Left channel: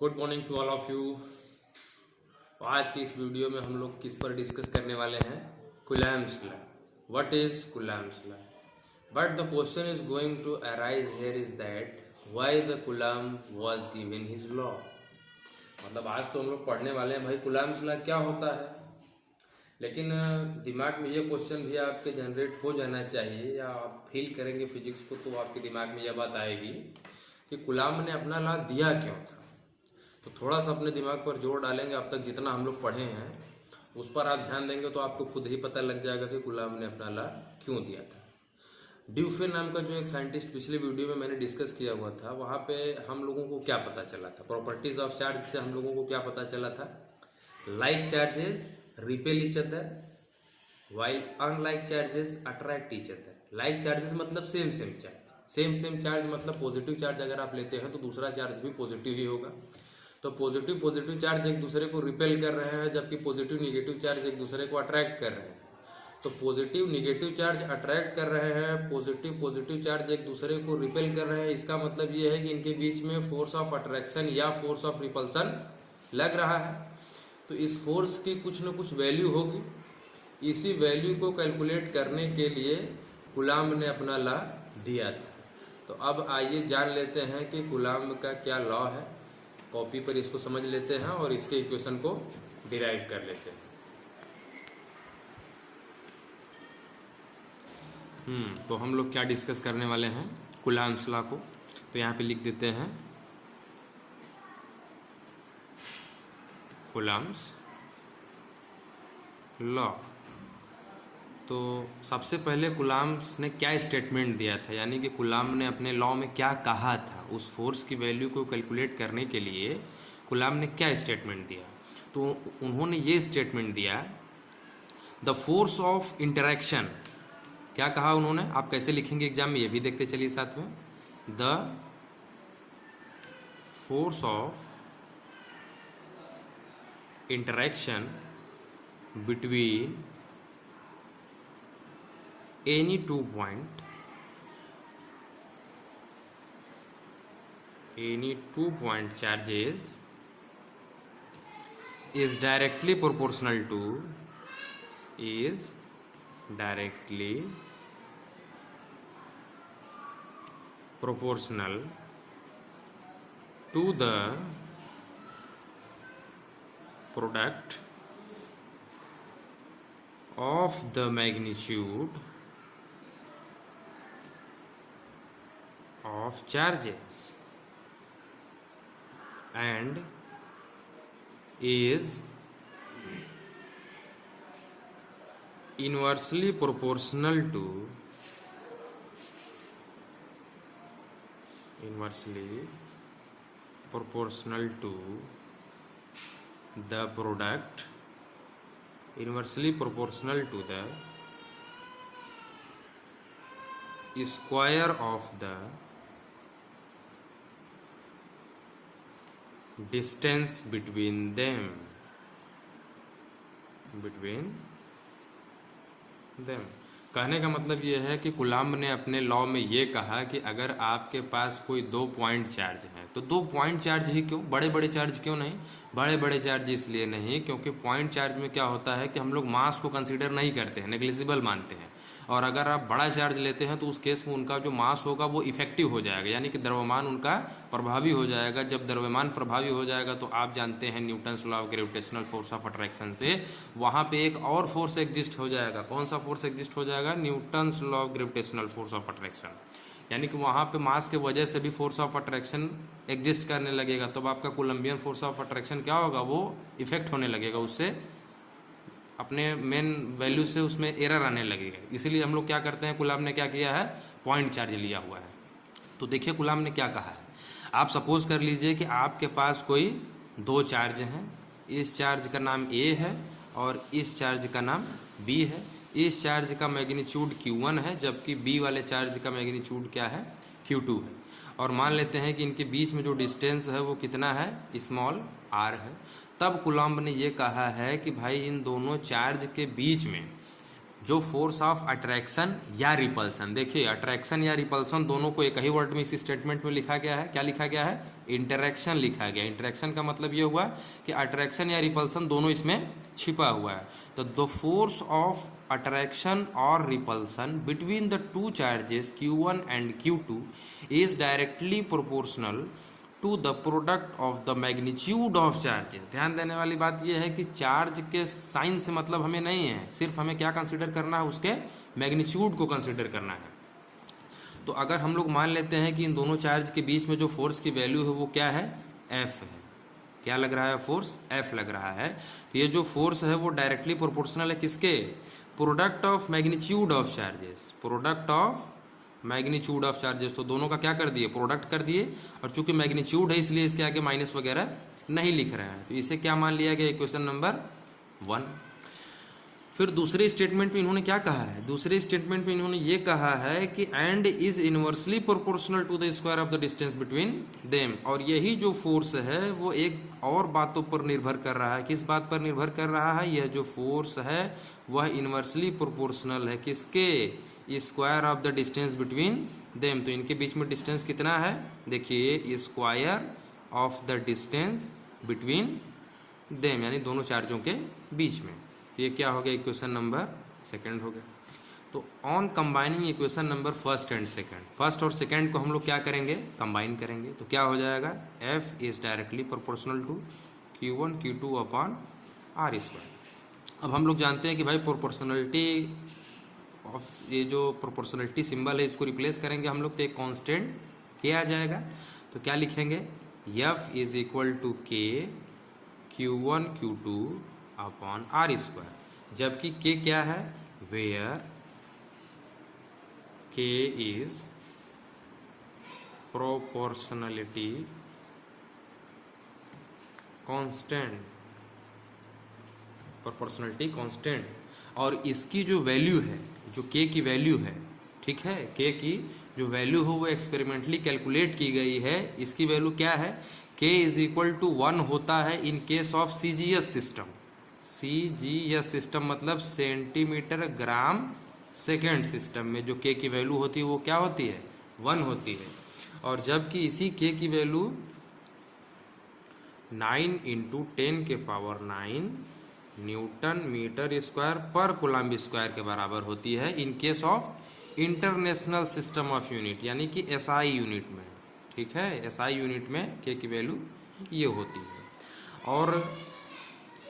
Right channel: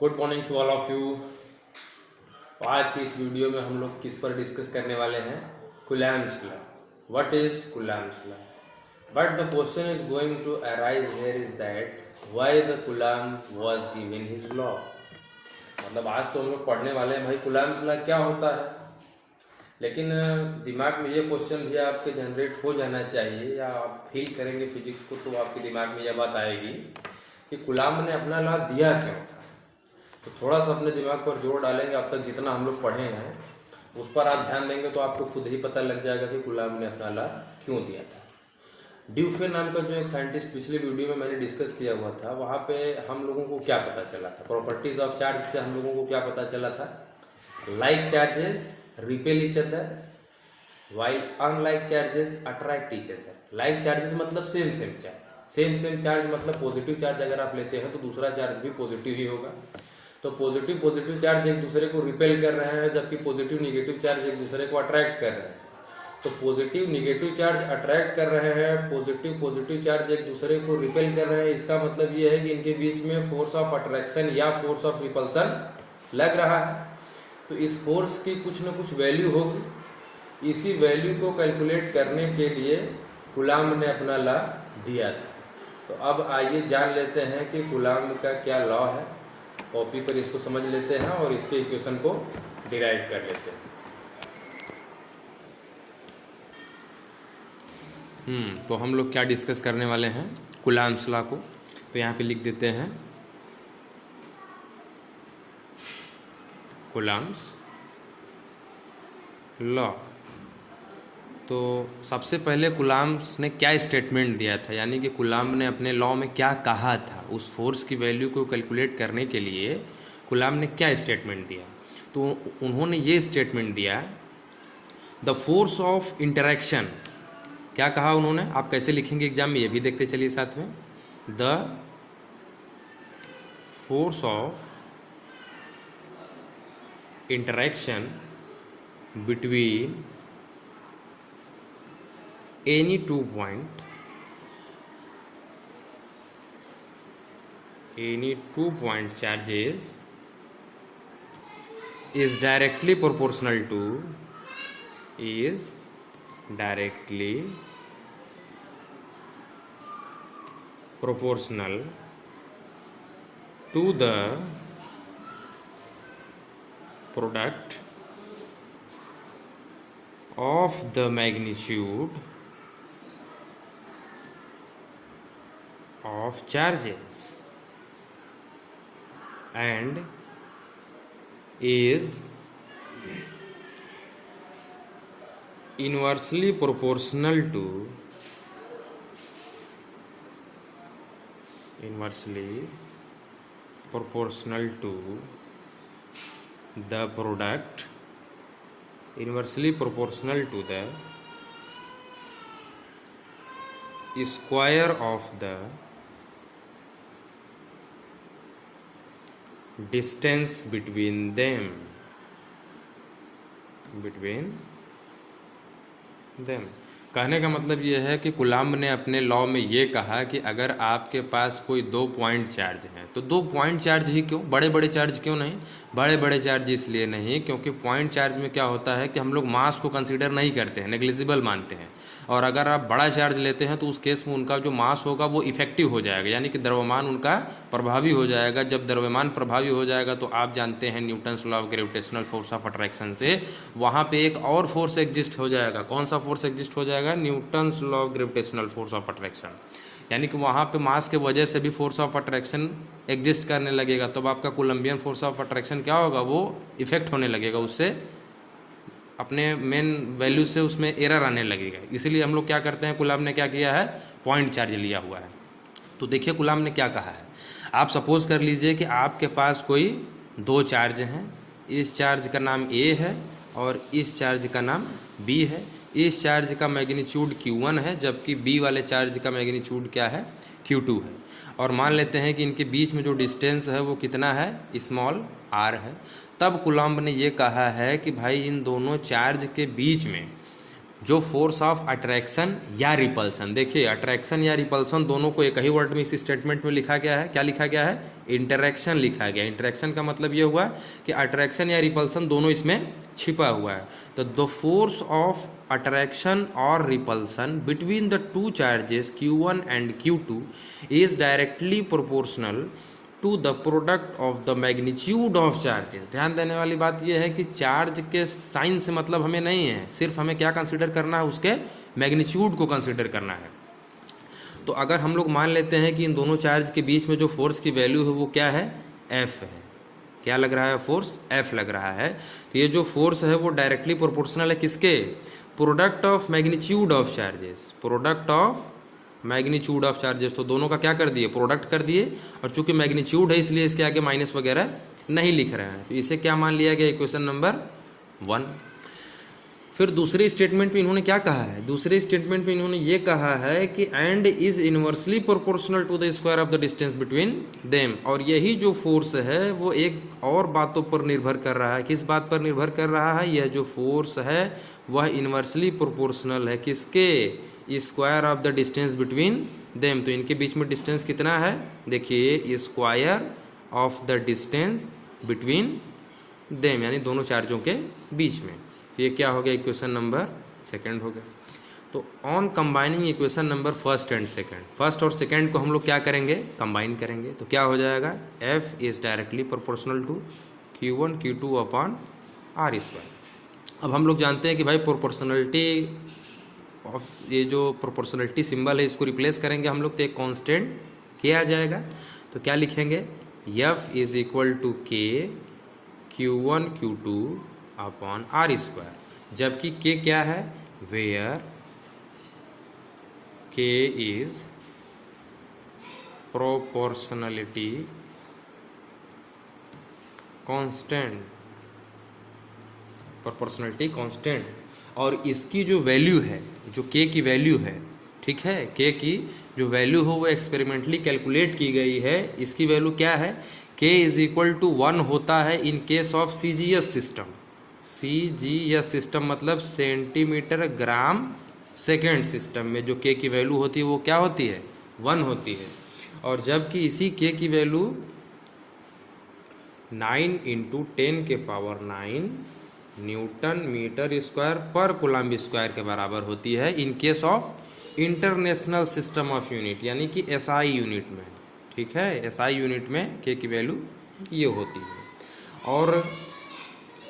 Good morning to all of you. आज की इस वीडियो में हम लोग किस पर डिस्कस करने वाले हैं? Coulomb's law. What is Coulomb's law? But the question is going to arise here is that why the Coulomb was given his law. मतलब आज तो हम लोग पढ़ने वाले हैं भाई कूलम्ब्स लॉ क्या होता है, लेकिन दिमाग में ये क्वेश्चन भी आपके जनरेट हो जाना चाहिए, या आप फील करेंगे फिजिक्स को तो आपके दिमाग में यह बात आएगी कि कूलम्ब ने अपना लॉ दिया क्यों था। तो थोड़ा सा अपने दिमाग पर जोर डालेंगे, अब तक जितना हम लोग पढ़े हैं उस पर आप ध्यान देंगे तो आपको खुद ही पता लग जाएगा कि कूलम्ब ने अपना लॉ क्यों दिया था। ड्यूफे नाम का जो एक साइंटिस्ट पिछले वीडियो में मैंने डिस्कस किया हुआ था, वहाँ पे हम लोगों को क्या पता चला था, प्रॉपर्टीज ऑफ चार्ज से हम लोगों को क्या पता चला था? Like charges repel each other while unlike charges attract each other। like charges मतलब सेम सेम चार्ज मतलब पॉजिटिव चार्ज अगर आप लेते हैं तो दूसरा चार्ज भी पॉजिटिव ही होगा। तो पॉजिटिव चार्ज एक दूसरे को रिपेल कर रहे हैं, जबकि पॉजिटिव निगेटिव चार्ज एक दूसरे को अट्रैक्ट कर रहे हैं। तो पॉजिटिव निगेटिव चार्ज अट्रैक्ट कर रहे हैं, पॉजिटिव चार्ज एक दूसरे को रिपेल कर रहे हैं। इसका मतलब ये है कि इनके बीच में फोर्स ऑफ अट्रैक्शन या फोर्स ऑफ रिपल्सन लग रहा है। तो इस फोर्स की कुछ न कुछ वैल्यू होगी। इसी वैल्यू को कैलकुलेट करने के लिए कूलम्ब ने अपना लॉ दिया था। तो अब आइए जान लेते हैं कि कूलम्ब का क्या लॉ है। कॉपी पर इसको समझ लेते हैं और इसके इक्वेशन को डिराइव कर लेते हैं। तो हम लोग क्या डिस्कस करने वाले हैं? कूलम्ब्स लॉ को। तो यहाँ पे लिख देते हैं कूलम्ब्स लॉ। तो सबसे पहले कूलम्ब्स ने क्या स्टेटमेंट दिया था, यानी कि कूलम्ब ने अपने लॉ में क्या कहा था, उस फोर्स की वैल्यू को कैलकुलेट करने के लिए कूलम्ब ने क्या स्टेटमेंट दिया? तो उन्होंने ये स्टेटमेंट दिया, द फोर्स ऑफ इंटरेक्शन। क्या कहा उन्होंने? आप कैसे लिखेंगे एग्जाम में ये भी देखते चलिए साथ में। The force of interaction between any two point charges is directly proportional to the product of the magnitude of charges and is inversely proportional to the product square of the distance between them। कहने का मतलब ये है कि coulomb ने अपने law में ये कहा कि अगर आपके पास कोई 2 पॉइंट चार्ज हैं, तो 2 पॉइंट चार्ज ही क्यों, बड़े बड़े चार्ज क्यों नहीं? बड़े चार्ज इसलिए नहीं क्योंकि पॉइंट चार्ज में क्या होता है कि हम लोग मास को कंसीडर नहीं करते हैं, नेग्लिजिबल मानते हैं। और अगर आप बड़ा चार्ज लेते हैं तो उस केस में उनका जो मास होगा वो इफेक्टिव हो जाएगा, यानी कि द्रव्यमान उनका प्रभावी हो जाएगा। जब द्रव्यमान प्रभावी हो जाएगा तो आप जानते हैं Newton's law of gravitational force of attraction से वहाँ पे एक और फोर्स एग्जिस्ट हो जाएगा। कौन सा फोर्स एग्जिस्ट हो जाएगा? Newton's law of gravitational force of attraction. यानी कि वहाँ पे मास के वजह से भी फोर्स ऑफ अट्रैक्शन एग्जिस्ट करने लगेगा। तब आपका कोलम्बियन फोर्स ऑफ अट्रैक्शन क्या होगा? वो इफेक्ट होने लगेगा, उससे अपने मेन वैल्यू से उसमें एरर आने लगेगा। इसीलिए हम लोग क्या करते हैं, कूलम्ब ने क्या किया है? पॉइंट चार्ज लिया हुआ है। तो देखिए कूलम्ब ने क्या कहा है। आप सपोज कर लीजिए कि आपके पास कोई 2 चार्ज हैं, इस चार्ज का नाम A है और इस चार्ज का नाम B है। इस चार्ज का मैग्नीट्यूड Q1 है, जबकि B वाले चार्ज का मैग्नीट्यूड क्या है? Q2 है। और मान लेते हैं कि इनके बीच में जो डिस्टेंस है वो कितना है? स्मॉल r है। तब कूलम्ब ने ये कहा है कि भाई इन दोनों चार्ज के बीच में जो फोर्स ऑफ अट्रैक्शन या रिपल्सन, देखिए अट्रैक्शन या रिपल्सन दोनों को एक ही वर्ड में इस स्टेटमेंट में लिखा गया है। क्या लिखा गया है? इंटरेक्शन लिखा गया। इंटरेक्शन का मतलब ये हुआ कि अट्रैक्शन या रिपल्सन दोनों इसमें छिपा हुआ है। तो द फोर्स ऑफ अट्रैक्शन और repulsion between the two charges Q1 and Q2 is directly proportional to the product of the magnitude of charges. ध्यान देने वाली बात यह है कि चार्ज के साइन से मतलब हमें नहीं है, सिर्फ हमें क्या कंसीडर करना है? उसके मैग्नीट्यूड को कंसीडर करना है। तो अगर हम लोग मान लेते हैं कि इन दोनों चार्ज के बीच में जो फोर्स की वैल्यू है वो क्या है? F है। क्या लग रहा है? फोर्स F लग रहा है। तो ये जो फोर्स है वो डायरेक्टली प्रोपोर्शनल है किसके? Product of magnitude of charges. Product of magnitude of charges, तो दोनों का क्या कर दिए? प्रोडक्ट कर दिए। और चूंकि मैग्नीट्यूड है इसलिए इसके आगे माइनस वगैरह नहीं लिख रहे हैं। तो इसे क्या मान लिया गया? Equation number 1। फिर दूसरे स्टेटमेंट में इन्होंने क्या कहा है? दूसरे स्टेटमेंट में इन्होंने ये कहा है कि and is inversely proportional to the square of the distance between them. और यही जो फोर्स है वो एक और बातों पर निर्भर कर रहा है। किस बात पर निर्भर कर रहा है? यह जो फोर्स है वह इनवर्सली प्रोपोर्शनल है किसके? Square of the distance between them. तो इनके बीच में डिस्टेंस कितना है? देखिए square of the distance between them, यानी दोनों चार्जों के बीच में। तो ये क्या हो गया? इक्वेशन नंबर 2 हो गया। तो on combining equation number 1 and 2, first और सेकंड को हम लोग क्या करेंगे? कंबाइन करेंगे। तो क्या हो जाएगा? F is directly proportional to Q1 Q2 upon R²। अब हम लोग जानते हैं कि भाई प्रोपोर्शनलिटी, ये जो प्रोपोर्शनलिटी सिंबल है इसको रिप्लेस करेंगे हम लोग तो एक कांस्टेंट K आ जाएगा। तो क्या लिखेंगे? F is equal to K Q1 Q2 upon R²। जबकि K क्या है? Where K is proportionality constant, proportionality constant. और इसकी जो वैल्यू है, जो K की वैल्यू है, ठीक है, K की जो वैल्यू हो वो एक्सपेरिमेंटली कैलकुलेट की गई है। इसकी वैल्यू क्या है? K इज इक्वल टू 1 होता है in case of CGS system. CGS system मतलब सेंटीमीटर ग्राम सेकेंड सिस्टम में जो K की वैल्यू होती है वो क्या होती है? 1 होती है। और जबकि इसी K की वैल्यू 9 × 10⁹ न्यूटन मीटर स्क्वायर पर कूलम्ब स्क्वायर के बराबर होती है in case of international system of unit, यानी कि SI यूनिट में। ठीक है, SI यूनिट में K की वैल्यू ये होती है। और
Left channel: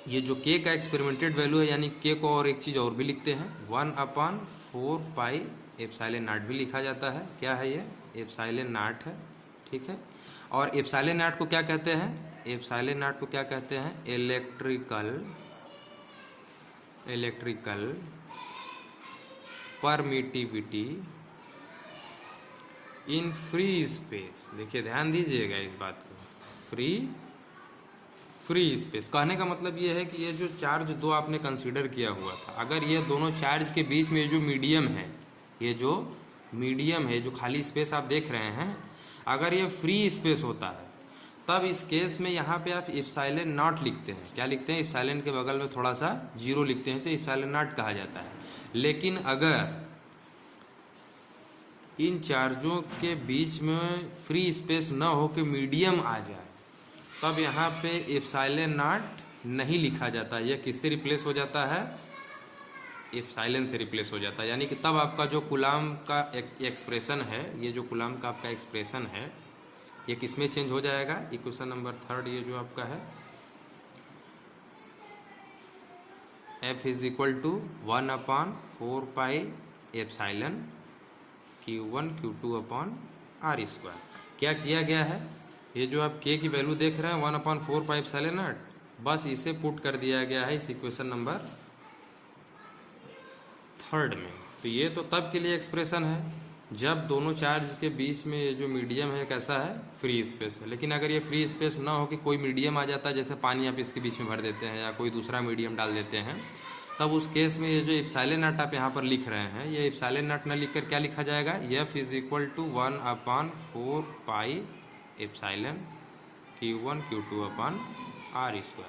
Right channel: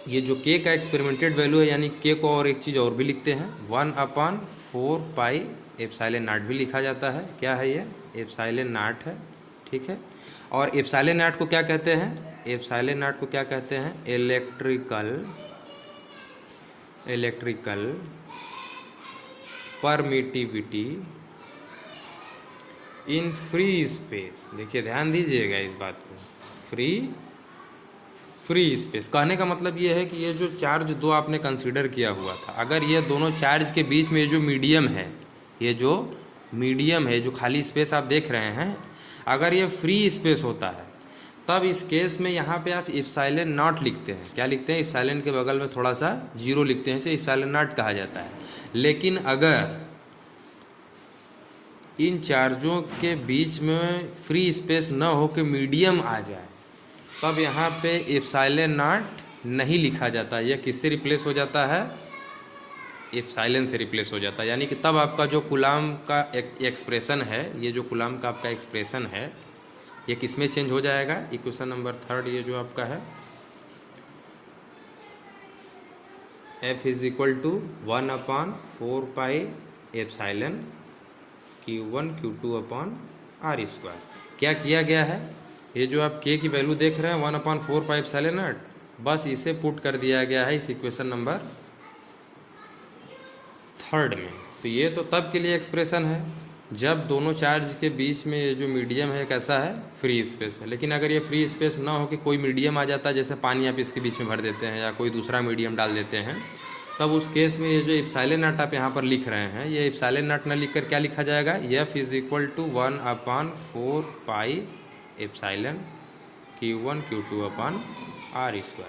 ये जो K का एक्सपेरिमेंटेड वैल्यू है, यानी K को और एक चीज़ और भी लिखते हैं, 1/4πε0 भी लिखा जाता है। क्या है ये? ε0 है। ठीक है। और ε0 को क्या कहते हैं? ε0 को क्या कहते हैं? Electrical permittivity in free space. देखिए ध्यान दीजिएगा इस बात को, फ्री स्पेस कहने का मतलब ये है कि ये जो चार्ज दो आपने कंसीडर किया हुआ था, अगर ये दोनों चार्ज के बीच में जो मीडियम है, ये जो मीडियम है, जो खाली स्पेस आप देख रहे हैं, अगर ये फ्री स्पेस होता है तब इस केस में यहाँ पे आप ε0 लिखते हैं। क्या लिखते हैं? ε के बगल में थोड़ा सा 0 लिखते हैं, इसे ε0 कहा जाता है। लेकिन अगर इन चार्जों के बीच में फ्री स्पेस न हो के मीडियम आ जाए तब यहाँ पे ε0 नहीं लिखा जाता। यह किससे रिप्लेस हो जाता है? एप्सिलॉन से रिप्लेस हो जाता है। यानी कि तब आपका जो कूलम्ब का एक्सप्रेशन है, ये जो कूलम्ब का आपका एक्सप्रेशन है, ये किस में चेंज हो जाएगा? इक्वेशन नंबर 3 ये जो आपका है, F is equal to 1/4πε Q1 Q2 upon R²। क्या किया गया है? ये जो आप K की वैल्यू देख रहे हैं 1/4πε0, बस इसे पुट कर दिया गया है इस इक्वेशन नंबर 3 में। तो ये तो तब के लिए एक्सप्रेशन है जब दोनों चार्ज के बीच में ये जो मीडियम है कैसा है? फ्री स्पेस है। लेकिन अगर ये फ्री स्पेस ना हो कि कोई मीडियम आ जाता है, जैसे पानी आप इसके बीच में भर देते हैं या कोई दूसरा मीडियम डाल देते हैं, तब उस केस में ये जो ε0 आप यहाँ पर लिख रहे हैं, ये ε0 न लिख कर क्या लिखा जाएगा? F is equal to 1/4πε Q1 Q2 upon R²।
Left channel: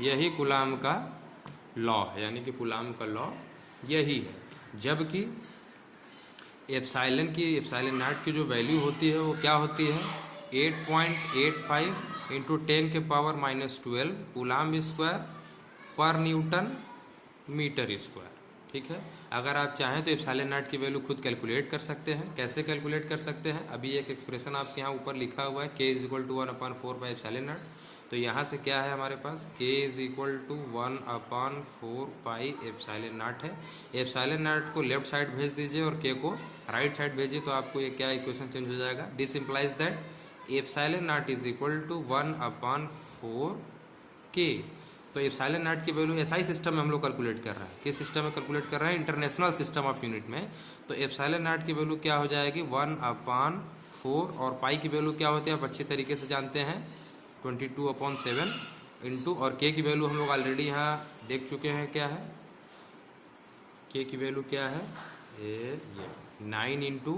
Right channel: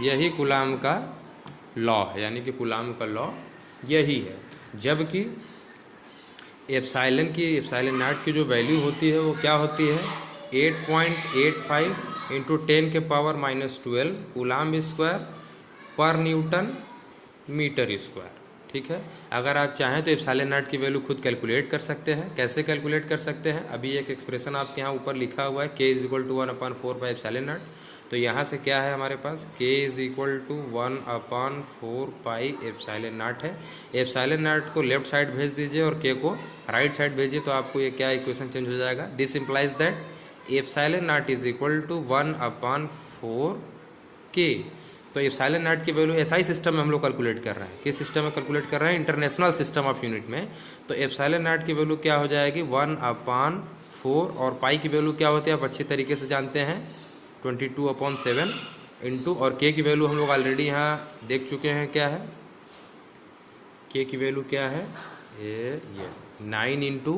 यही कूलम्ब का लॉ है, यानी कि कूलम्ब का लॉ यही है, जबकि एप्सिलॉन नॉट की जो वैल्यू होती है वो क्या होती है 8.85 इंटू 10 के पावर -12 कूलाम्ब स्क्वायर पर न्यूटन मीटर स्क्वायर। ठीक है, अगर आप चाहें तो एप्सिलॉन नॉट की वैल्यू खुद कैलकुलेट कर सकते हैं। कैसे कैलकुलेट कर सकते हैं, अभी एक एक्सप्रेशन आपके यहाँ ऊपर लिखा हुआ है k = 1/4 बाई एप्सिलॉन नॉट। तो यहाँ से क्या है हमारे पास k = 1/4 पाई एप्सिलॉन नॉट है। एप्सिलॉन नॉट को लेफ्ट साइड भेज दीजिए और k को राइट साइड भेजिए, तो आपको ये क्या इक्वेशन चेंज हो जाएगा। This implies that epsilon not = 1/4 k। तो एप्सिलॉन नॉट की वैल्यू एसआई सिस्टम में हम लोग कैलकुलेट कर रहे हैं। किस सिस्टम में कैलकुलेट कर रहे हैं, इंटरनेशनल सिस्टम ऑफ यूनिट में। तो एप्सिलॉन नॉट की वैल्यू क्या हो जाएगी 1/4, और पाई की वैल्यू क्या होती है आप अच्छी तरीके से जानते हैं 22/7 इंटू, और के की वैल्यू हम लोग ऑलरेडी यहाँ देख चुके हैं क्या है, के की वैल्यू क्या है ये 9 इंटू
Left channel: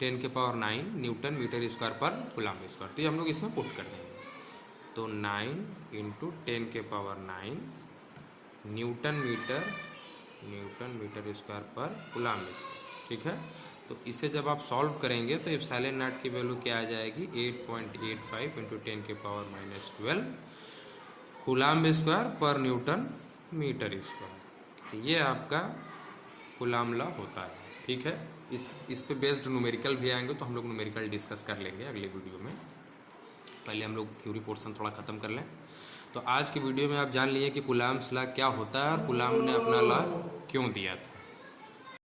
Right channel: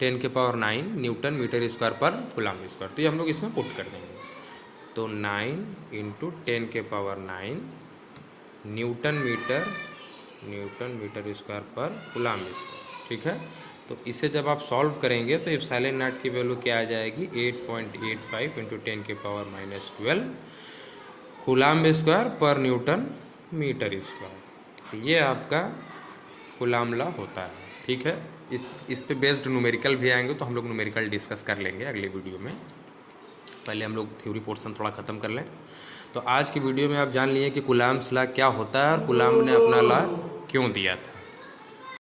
10 के पावर 9 न्यूटन मीटर स्क्वायर पर कूलम्ब स्क्वायर। तो ये हम लोग इसमें पुट कर देंगे। तो 9 इंटू 10 के पावर 9 न्यूटन मीटर स्क्वायर पर कूलम्ब स्क्वायर। ठीक है, तो इसे जब आप सॉल्व करेंगे तो एप्सिलॉन नॉट की वैल्यू क्या आ जाएगी 8.85 इंटू 10 के पावर -12 कूलम्ब स्क्वायर पर न्यूटन मीटर स्क्वायर। तो ये आपका कूलम्ब लॉ होता है। ठीक है, इस पे बेस्ड न्यूमेरिकल भी आएंगे, तो हम लोग न्यूमेरिकल डिस्कस कर लेंगे अगले वीडियो में। पहले हम लोग थ्योरी पोर्शन थोड़ा ख़त्म कर लें। तो आज की वीडियो में आप जान लिए कि कूलम्ब्स लॉ क्या होता है और कूलम्ब ने अपना लॉ क्यों दिया था।